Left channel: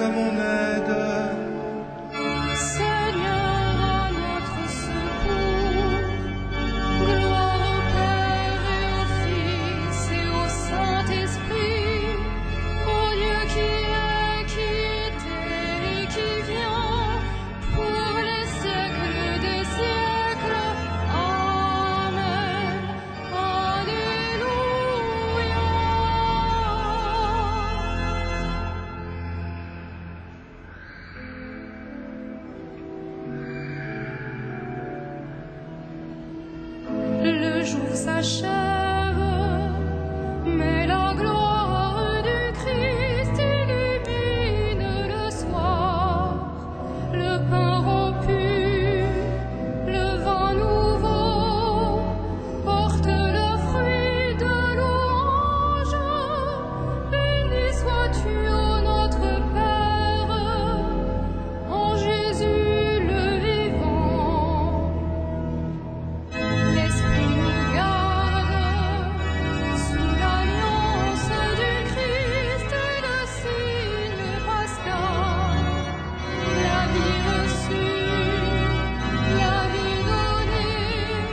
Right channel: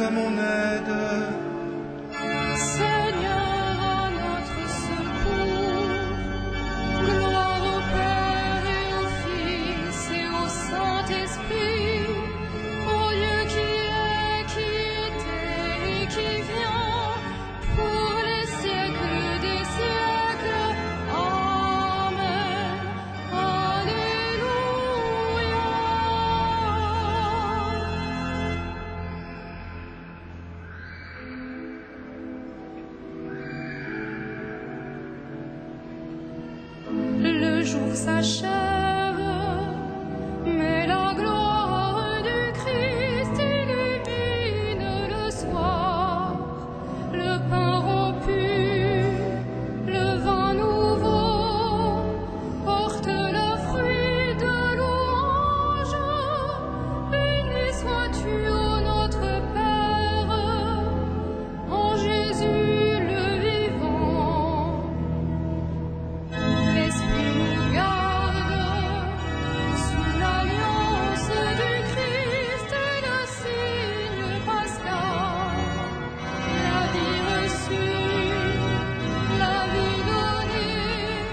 à mon aide. Seigneur, à notre secours. Gloire au Père et au Fils et au Saint-Esprit, au Dieu qui est, qui était et qui vient, pour les siècles des siècles. Amen. Alléluia. Le jour s'achève, mais la gloire du Christ illumine le soir. Le pain rompu, le vin nouveau, porte le fruit de louange. Béni sois-tu, ô notre Père, en Jésus le vivant. L'Esprit nous garde sous l'alliance du Christ et le signe pascal. La vie reçue, la vie donnée,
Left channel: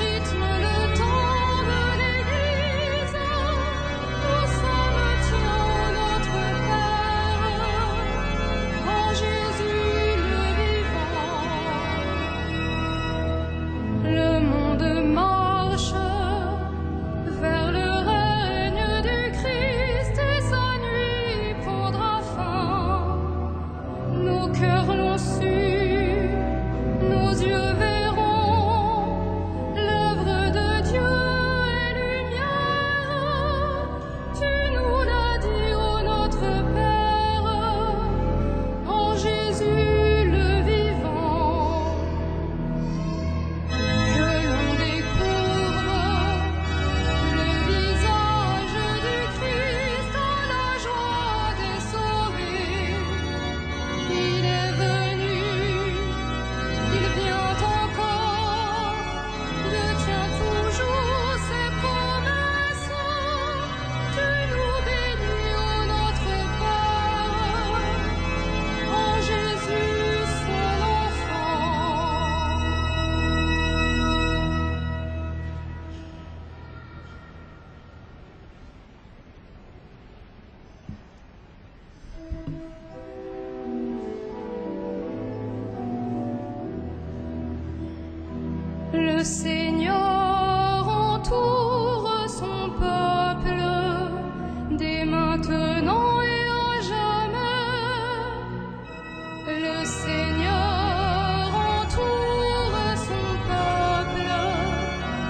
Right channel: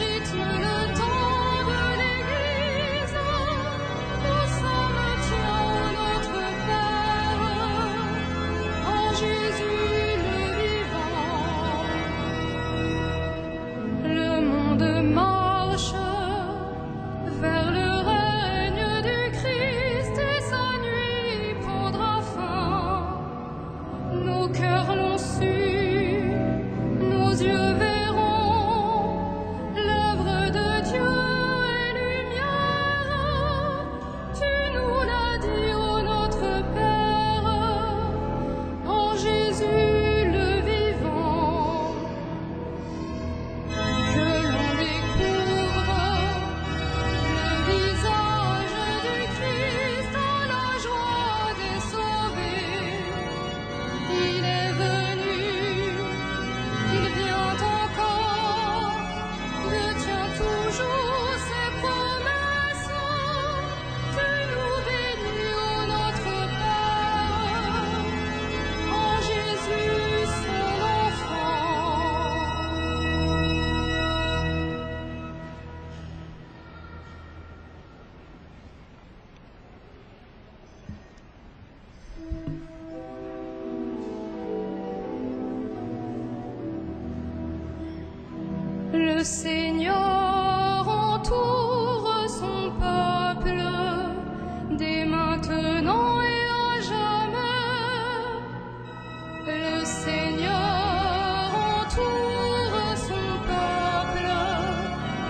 rythme le temps de l'Église. Nous sommes tiens, ô notre Père, en Jésus le vivant. Le monde marche vers le règne du Christ et sa nuit prendra fin. Nos cœurs l'ont su, nos yeux verront l'œuvre de Dieu et lumière. Tu nous l'as dit, ô notre Père, en Jésus le vivant. Que l'on découvre le visage du Christ à la joie des sauvés. Il est venu, il vient encore, Dieu tient toujours ses promesses. Tu nous bénis, ô notre Père, en Jésus son enfant. Le Seigneur entoure son peuple dès maintenant et à jamais. Le Seigneur entoure son peuple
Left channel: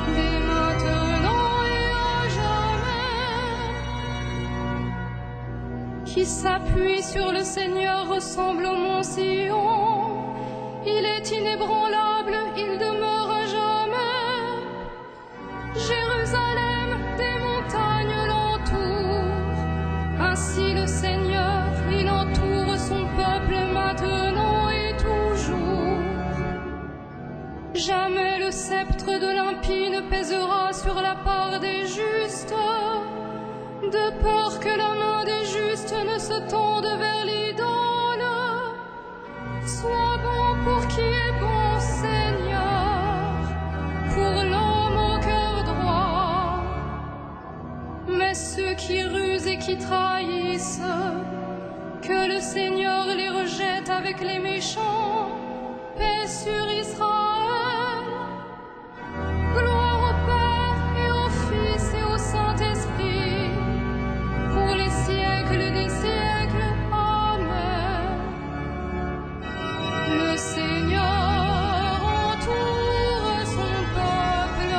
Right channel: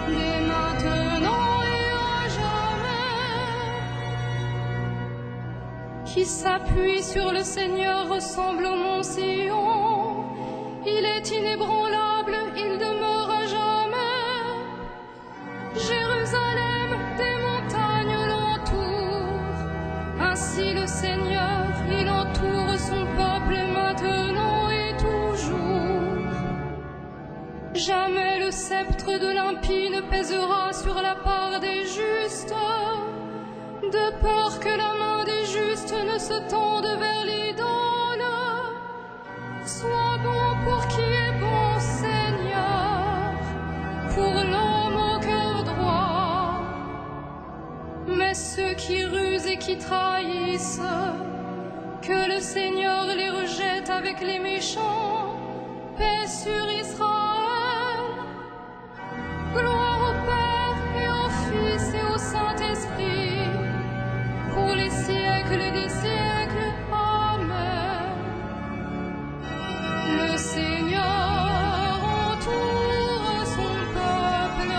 dès maintenant et à jamais. Qui s'appuie sur le Seigneur ressemble au mont Sion. Il est inébranlable, il demeure à jamais. Jérusalem, des montagnes l'entourent. Ainsi le Seigneur, il entoure son peuple maintenant et toujours. Jamais le sceptre de l'impie ne pèsera sur la part des justes, de peur que la main des justes ne se tende vers l'idole. Sois bon pour qui est bon, Seigneur, pour l'homme au cœur droit. Mais ceux qui rusent et qui trahissent, que le Seigneur les rejette avec les méchants. Paix sur Israël. Gloire au Père et au Fils et au Saint-Esprit, pour les siècles des siècles. Amen. Le Seigneur entoure son peuple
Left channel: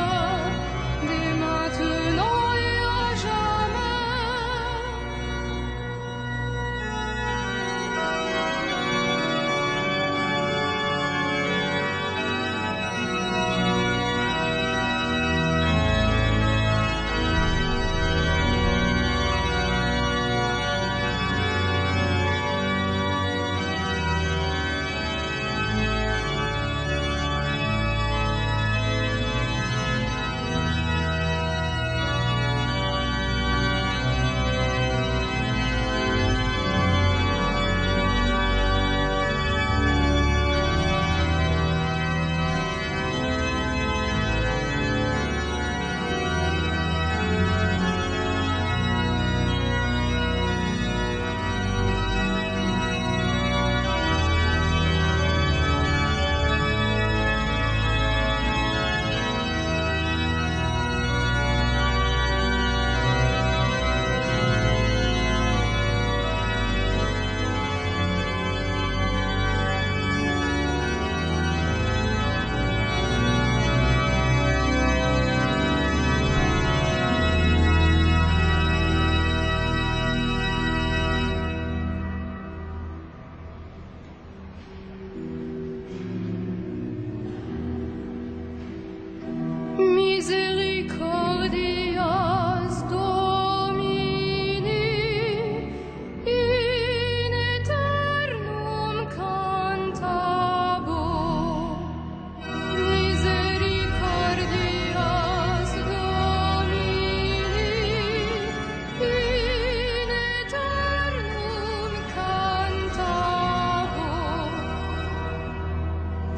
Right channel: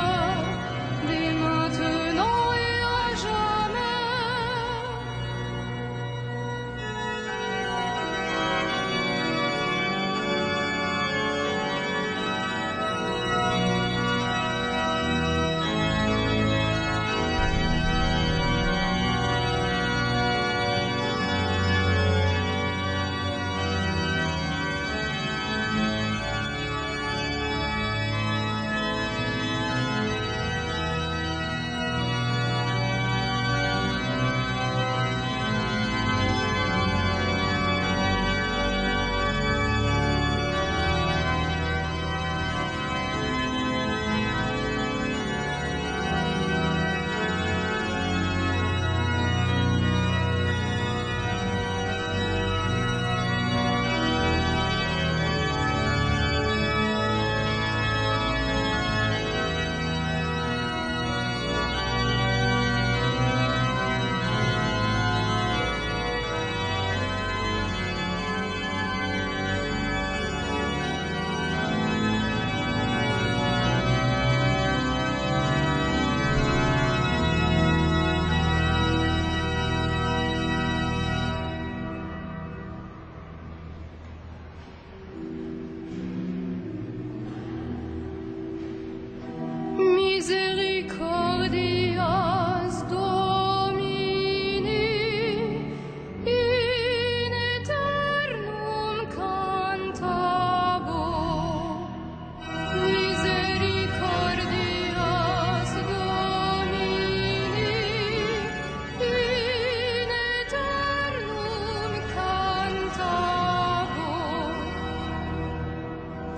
dès maintenant et à jamais.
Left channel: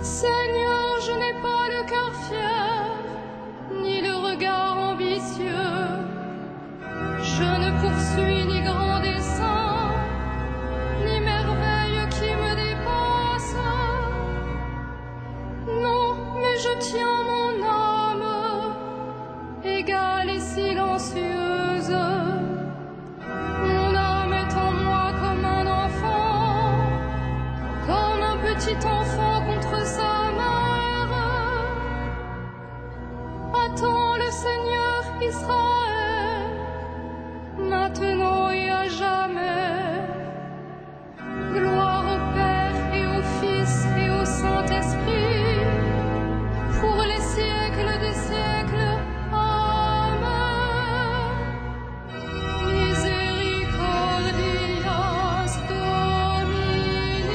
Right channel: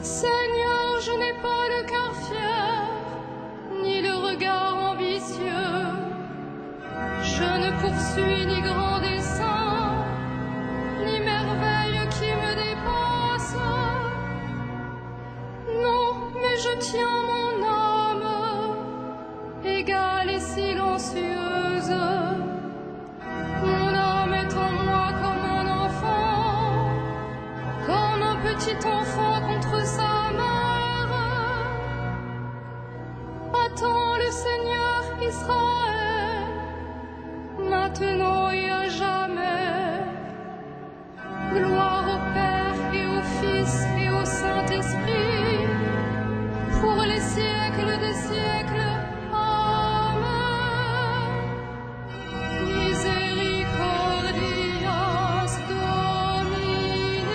Seigneur, je n'ai pas le cœur fier, ni le regard ambitieux. Je ne poursuis ni grand dessein, ni merveille qui me dépasse. Non, mais je tiens mon âme, égale et silencieuse. Mon âme est en moi comme un enfant, comme un petit enfant contre sa mère. Attends le Seigneur Israël, maintenant et à jamais. Gloire au Père et au Fils et au Saint-Esprit, pour les siècles des siècles. Amen. Misericordias Domini,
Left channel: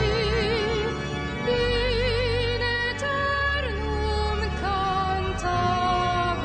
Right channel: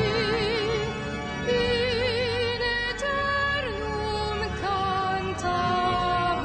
in aeternum cantabor.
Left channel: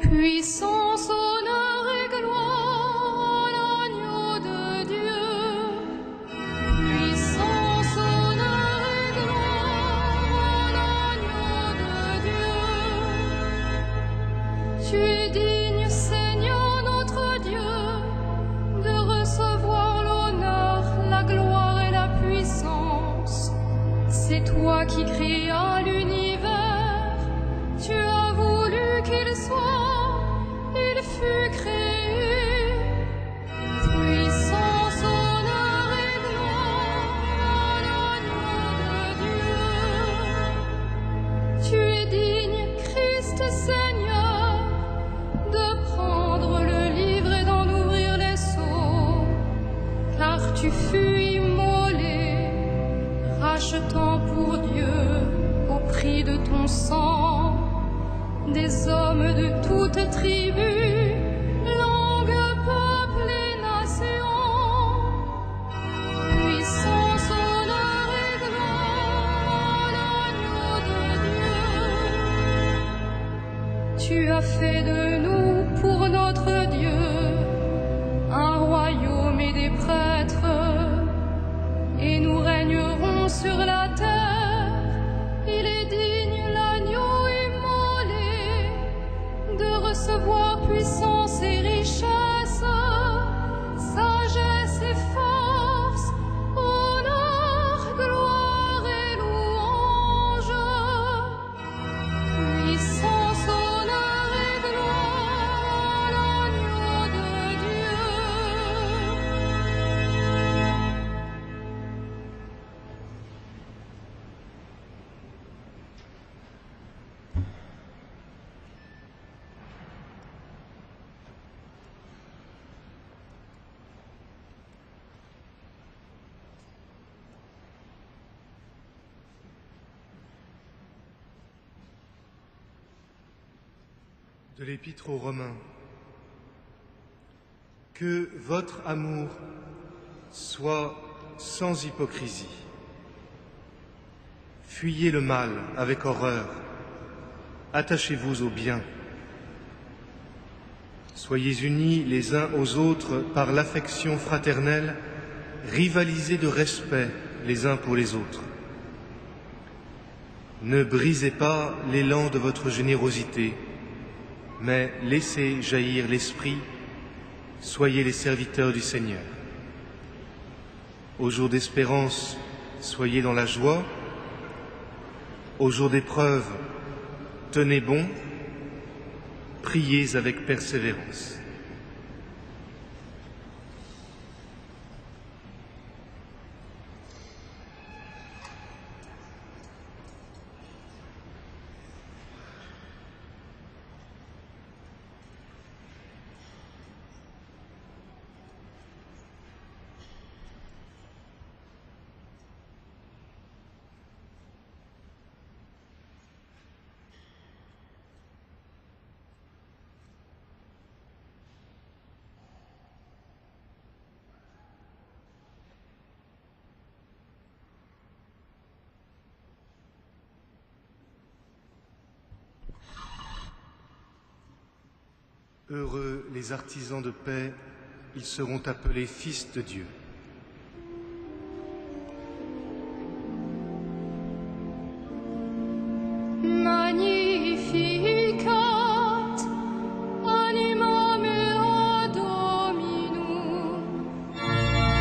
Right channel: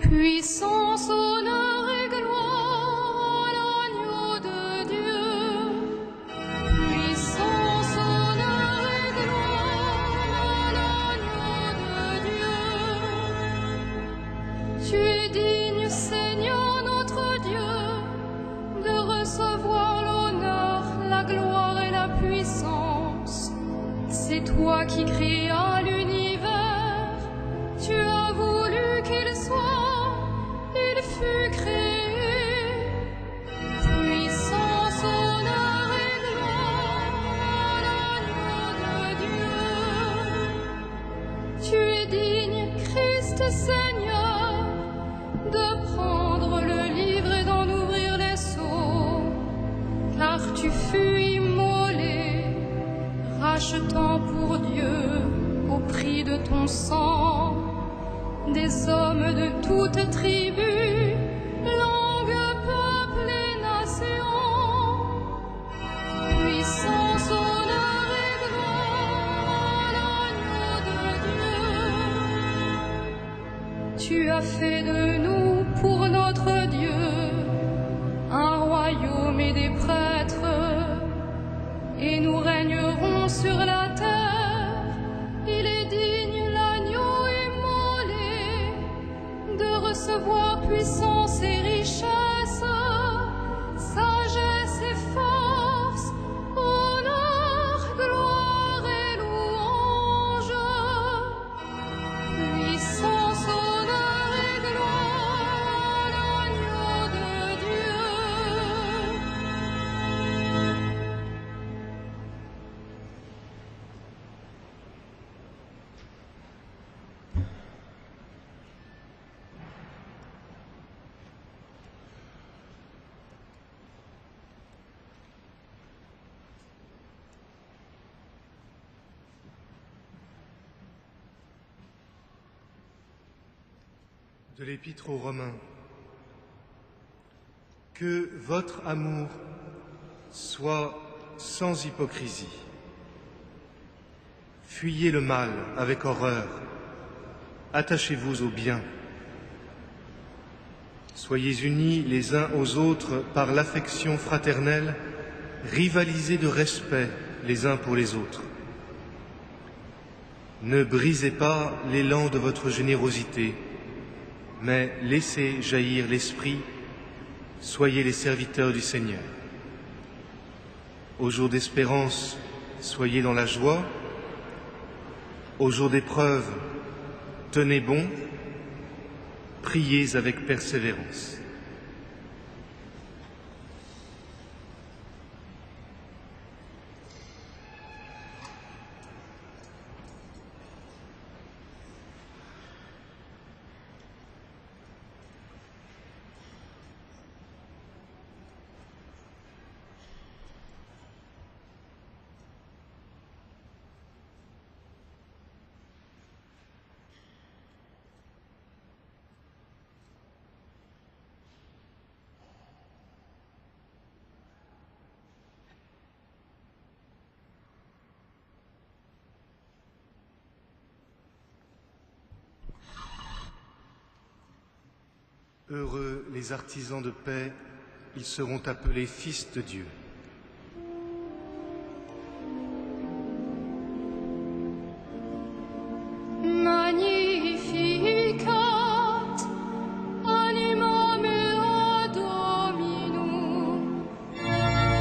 Puissance, honneur et gloire à l'agneau de Dieu. Puissance, honneur et gloire à l'agneau de Dieu. Tu es digne, Seigneur notre Dieu, de recevoir l'honneur, la gloire et la puissance. C'est toi qui créas l'univers, tu as voulu qu'il soit, il fut créé. Puissance, honneur et gloire à l'agneau de Dieu. Tu es digne, Christ Seigneur, de prendre le livre et d'en ouvrir les sceaux, car tu fus immolé, rachetant pour Dieu au prix de ton sang des hommes de toutes tribus, langues, peuples et nations. Puissance, honneur et gloire à l'agneau de Dieu. Tu as fait de nous pour notre Dieu un royaume et des prêtres, et nous régnerons sur la terre. Il est digne, l'agneau immolé, de recevoir puissance et richesse, sagesse et force, honneur, gloire et louange. Puissance, honneur et gloire à l'agneau de Dieu. De l'Épître aux Romains. Que votre amour soit sans hypocrisie. Fuyez le mal avec horreur. Attachez-vous au bien. Soyez unis les uns aux autres par l'affection fraternelle, rivalisez de respect les uns pour les autres. Ne brisez pas l'élan de votre générosité, mais laissez jaillir l'esprit, soyez les serviteurs du Seigneur. Au jour d'espérance, soyez dans la joie. Au jour d'épreuve, tenez bon. Priez avec persévérance. Heureux les artisans de paix, ils seront appelés fils de Dieu. Magnificat anima mea Dominum,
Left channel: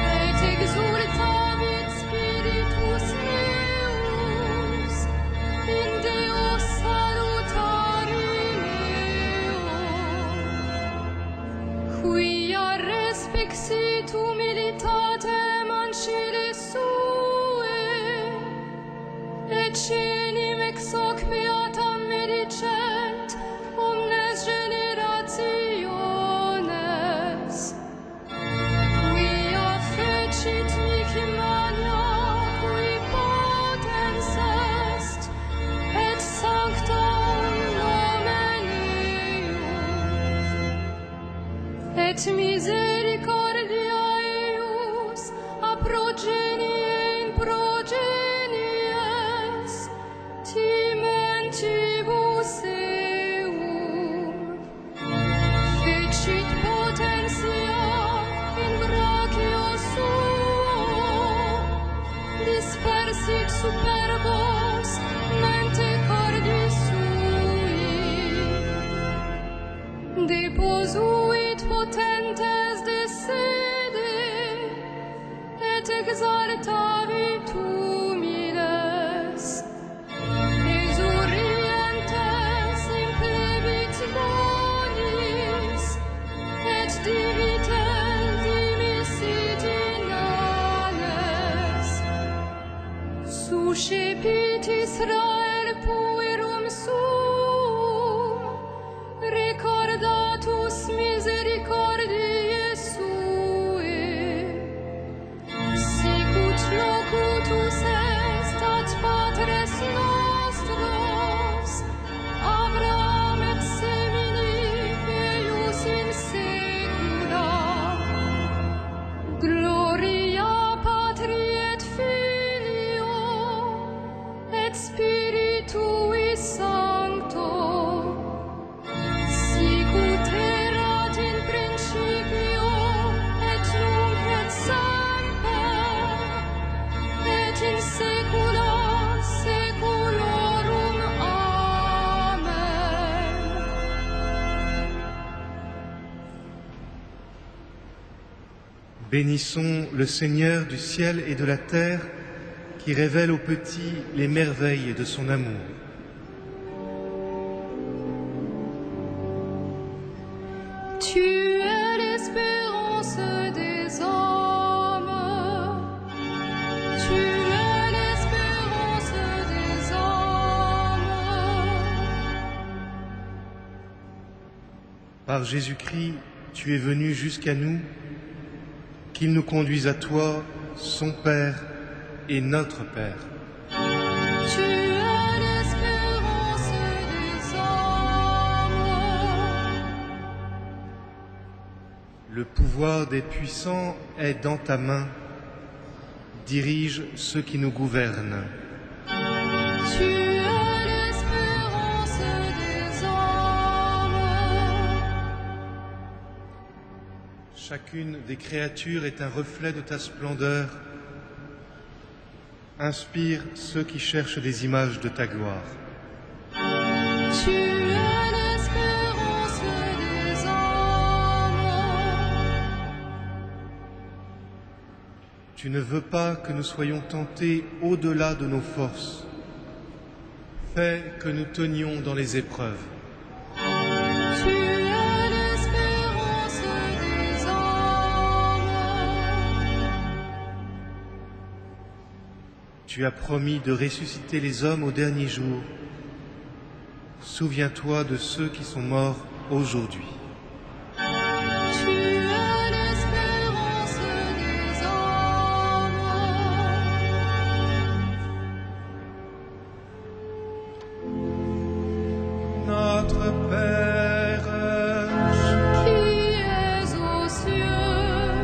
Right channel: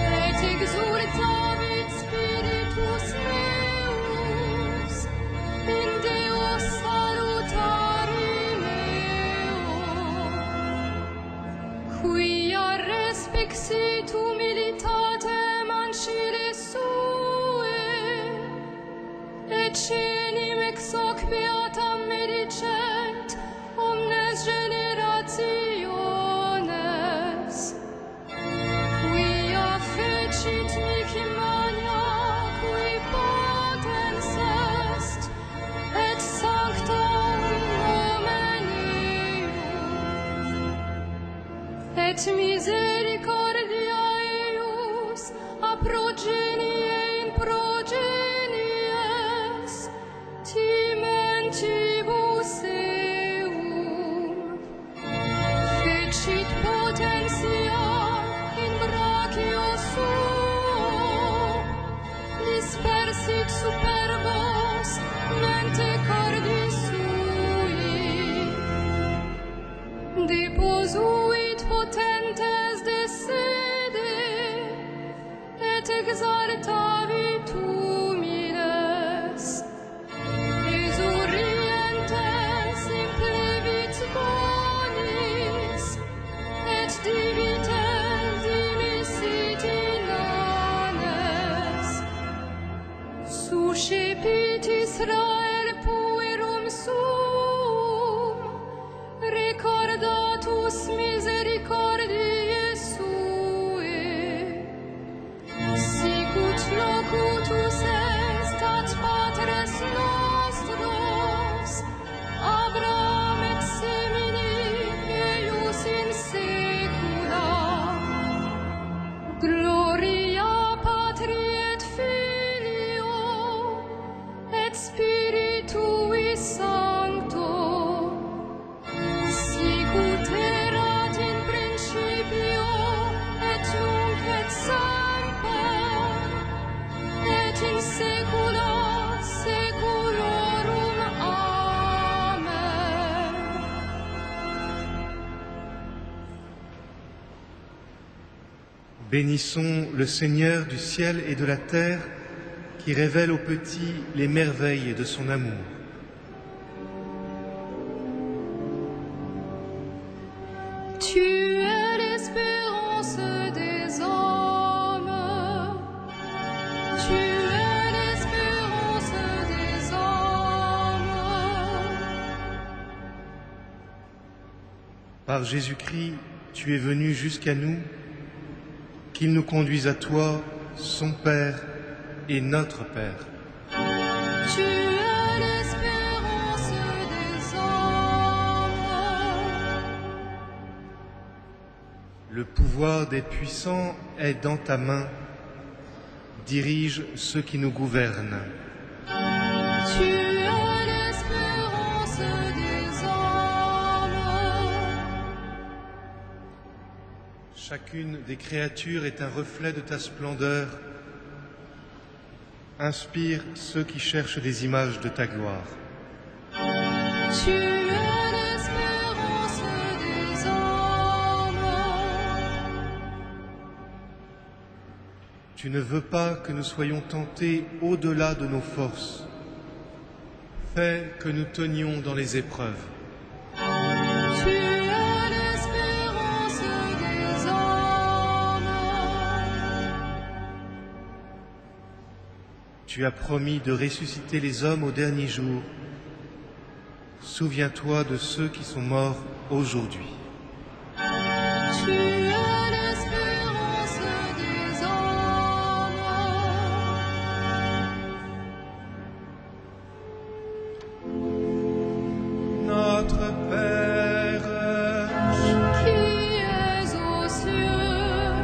et exultavit spiritus meus in Deo salutari meo, quia respexit humilitatem ancile sue, et cenim ex hoc beatam medicent omnes generationes, quia fecit mihi mania, qui potens est, et sanctam nomen eius, et misericordia eius a progenie in progenies timentibus eum, fecit potentia in brachio suo, dispersit superbos mente cordis sui, deposuit potentes de sede, et exaltavit humiles, exurientes implevit bonis, et divitel dimissit inanes, suscepit Israel puerum suum, recordatus misericordiae sue, sicut locutus est ad patres nostros, Abraham et semini eius in saecula. Gloria Patri et Filio et Spiritui Sancto, sicut erat in principio et nunc et semper, et in saecula saeculorum. Amen. Bénissons le Seigneur du ciel et de la terre, qui révèle aux petits les merveilles de son amour. Tu es l'espérance des hommes, tu es l'espérance des hommes. Par Jésus-Christ, tu es venu jusqu'à nous, qu'il nous conduise à toi, son Père et notre Père. Tu es l'espérance des hommes, Le pouvoir des puissants est dans ta main. Dirige ceux qui nous gouvernent. Tu es l'espérance des hommes. Chacune des créatures est un reflet de ta splendeur. Inspire ceux qui cherchent des images de ta gloire. Tu es l'espérance des hommes. Tu ne veux pas que nous soyons tentés au-delà de nos forces. Fais que nous tenions dans les épreuves. Tu es l'espérance des hommes. Tu as promis de ressusciter les hommes au dernier jour. Souviens-toi de ceux qui sont morts aujourd'hui. Tu es l'espérance des hommes. Notre Père, Qui es aux cieux,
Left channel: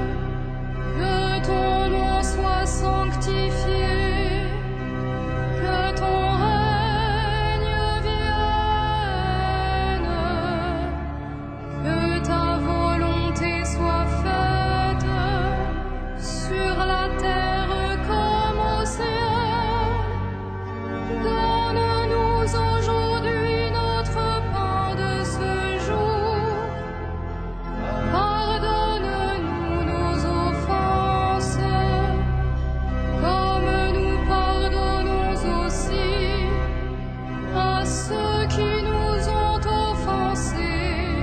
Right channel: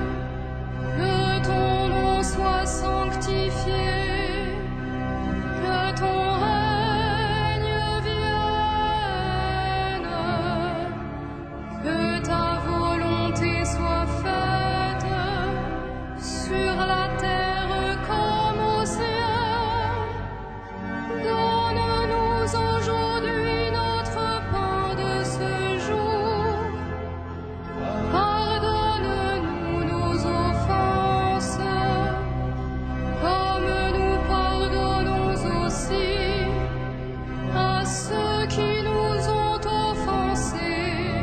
que ton nom soit sanctifié, que ton règne vienne, que ta volonté soit faite sur la terre comme au ciel. Donne-nous aujourd'hui notre pain de ce jour. Pardonne-nous nos offenses, comme nous pardonnons aussi à ceux qui nous ont offensés.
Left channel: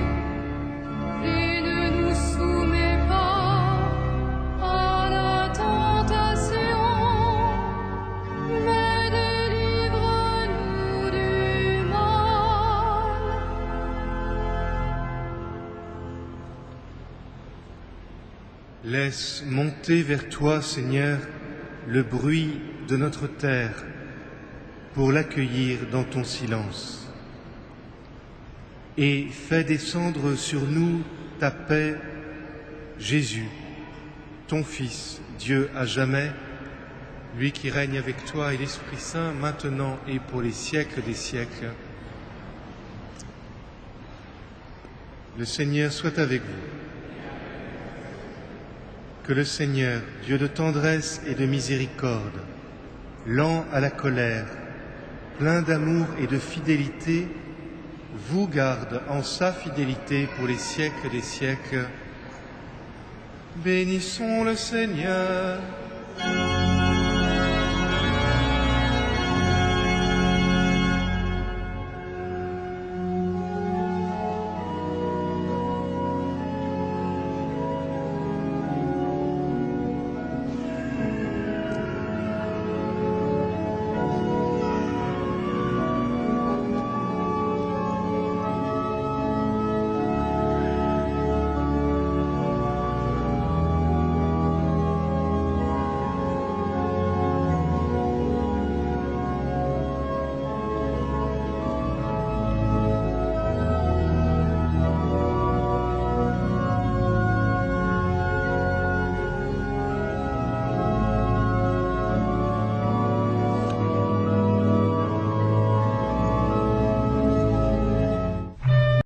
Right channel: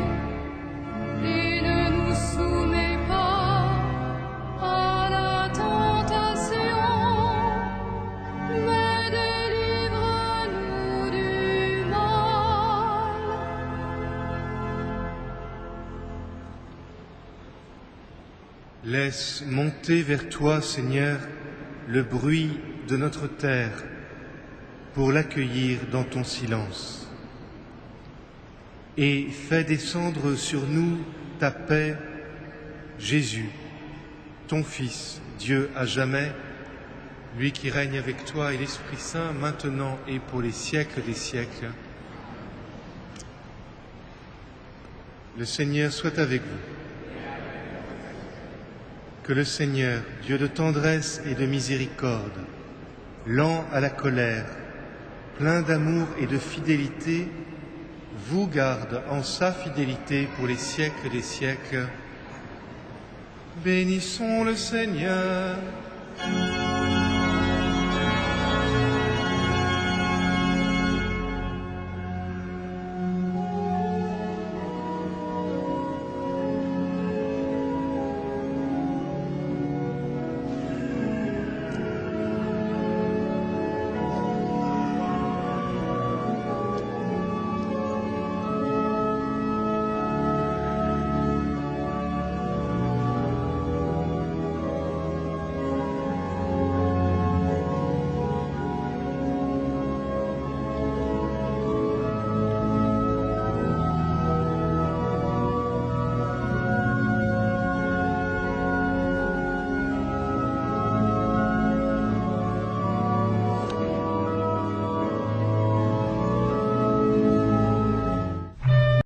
Et ne nous soumets pas à la tentation, mais délivre-nous du mal. laisse monter vers toi, Seigneur, le bruit de notre terre pour l'accueillir dans ton silence. Et fais descendre sur nous ta paix, Jésus, ton Fils, Dieu à jamais, lui qui règne avec toi et l'Esprit Saint, maintenant et pour les siècles des siècles. Le Seigneur soit avec vous. Que le Seigneur, Dieu de tendresse et de miséricorde, lent à la colère, plein d'amour et de fidélité, vous garde en sa fidélité pour les siècles des siècles. Bénissons le Seigneur.